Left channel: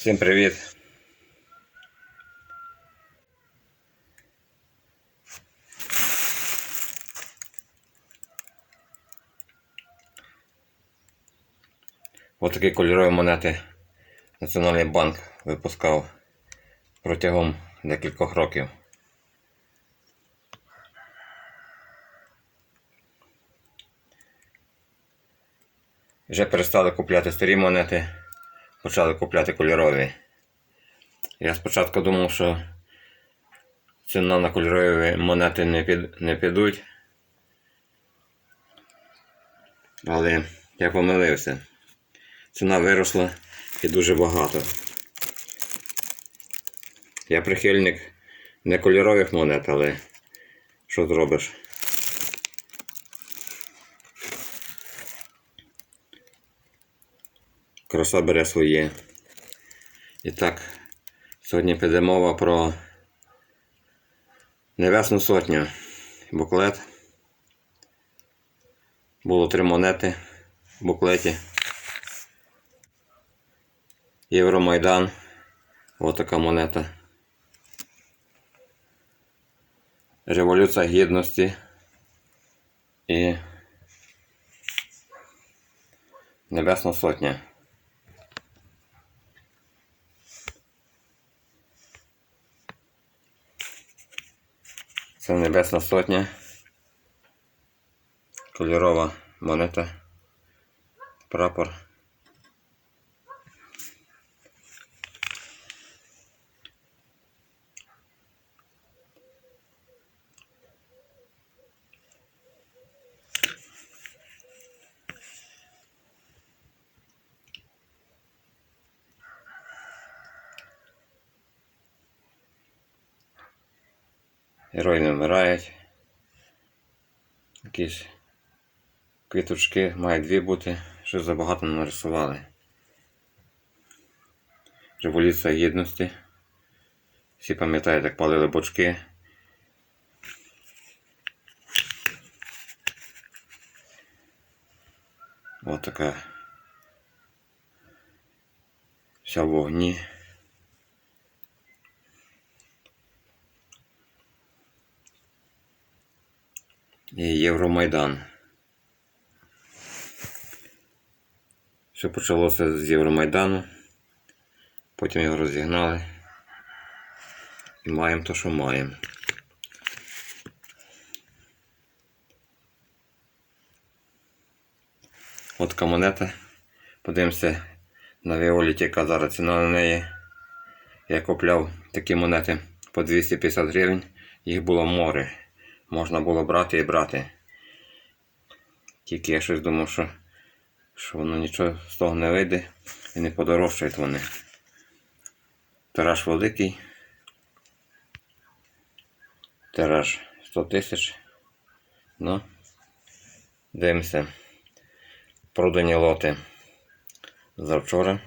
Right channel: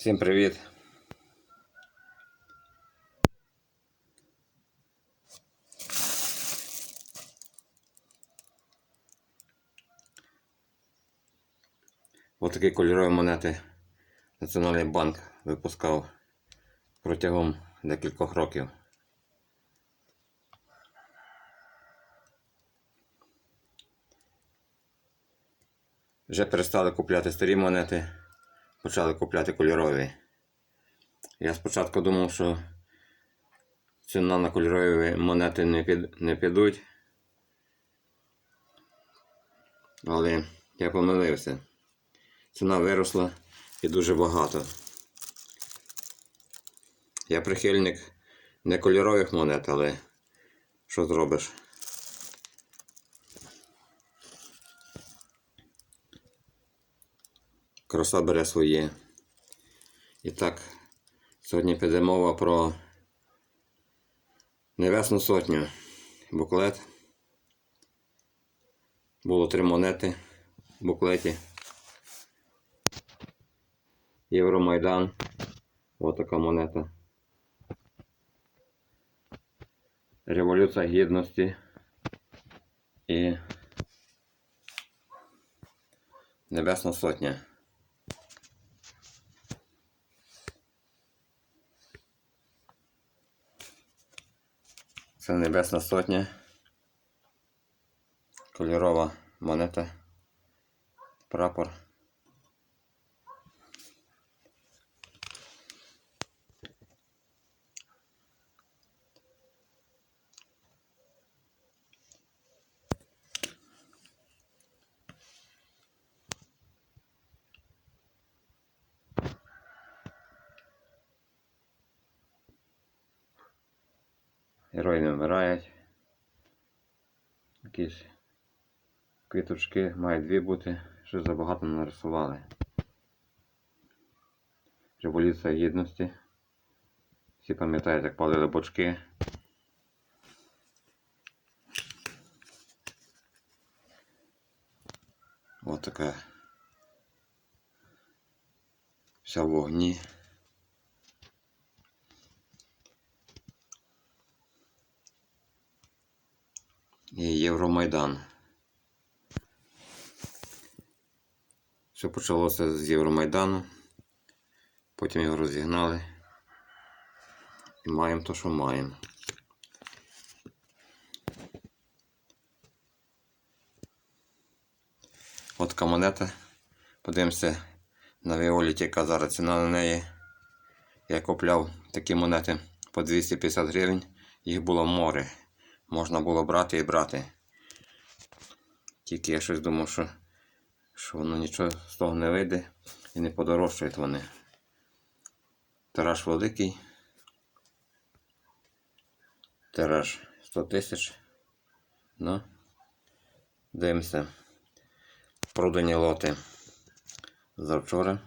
Всім привіт! Ось такі кольорові монети Національний банк випускав протягом декількох років. Вже перестали купляти старі монети, почали купляти кольорові. Я спочатку думав, що ціна на кольорові монети не, під, не підуть. Але я помилився. Ціна виросла і дуже багато. Я прихильник не кольорових монет, але що зробиш? Краса бере своє. І так, сьогодні піде мова про Небесну сотню. Буклет. Було три монети в буклеті. Євромайдан. Ось така монета. Революція Гідності. І Небесна Сотня. Це Небесна Сотня. Кольорова монета. Прапор. Герої не вмирають. Якісь квіточки мають дві бути, що забагато нарисували. Революція гідності. Всі пам'ятають, як палили бочки. Ось така вся в вогні. Євромайдан. Все почалося з Євромайдану. Потім його розігнали. І маємо то, що маємо. От монета. Подивимося на Віоліті, яка зараз ціна на неї. Я купляв такі монети по 250 гривень. Їх було море можна було брати і брати. Тільки я щось думав, що, що воно нічого з того не вийде і не подорожчають вони. Тираж великий. Тираж 100 тисяч. Ну, дивимося. Продані лоти завчора.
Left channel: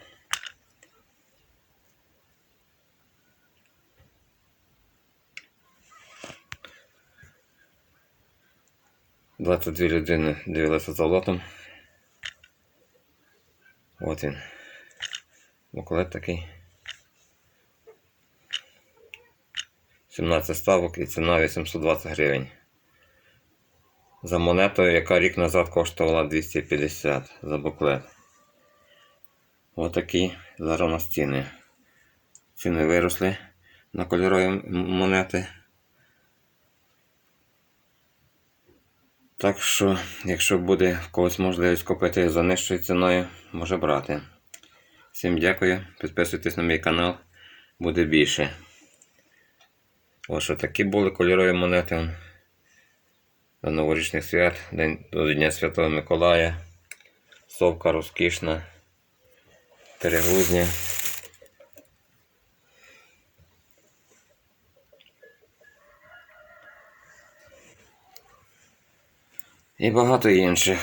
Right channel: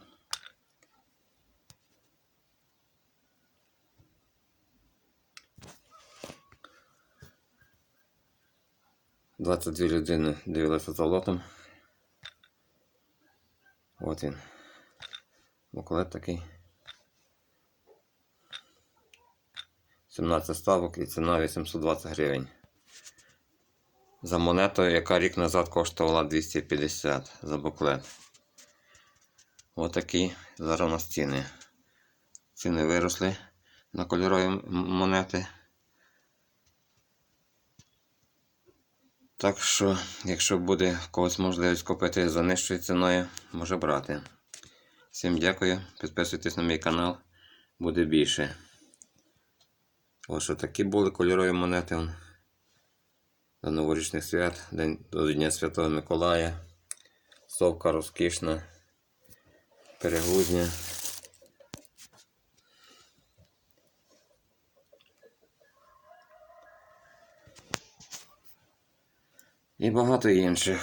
22 людини дивилися за лотом. От він. Буклет такий. 17 ставок і ціна 820 гривень. За монетою, яка рік назад коштувала 250 за буклет. Отакі зараз у нас ціни. Ціни виросли на кольорові монети. Так що, якщо буде в когось можливість купити за нижчою ціною, може брати. Всім дякую, підписуйтесь на мій канал, буде більше. Ось що такі були кольорові монети. До новорічних свят, до Дня Святого Миколая, совка розкішна, перегрузня. І багато інших.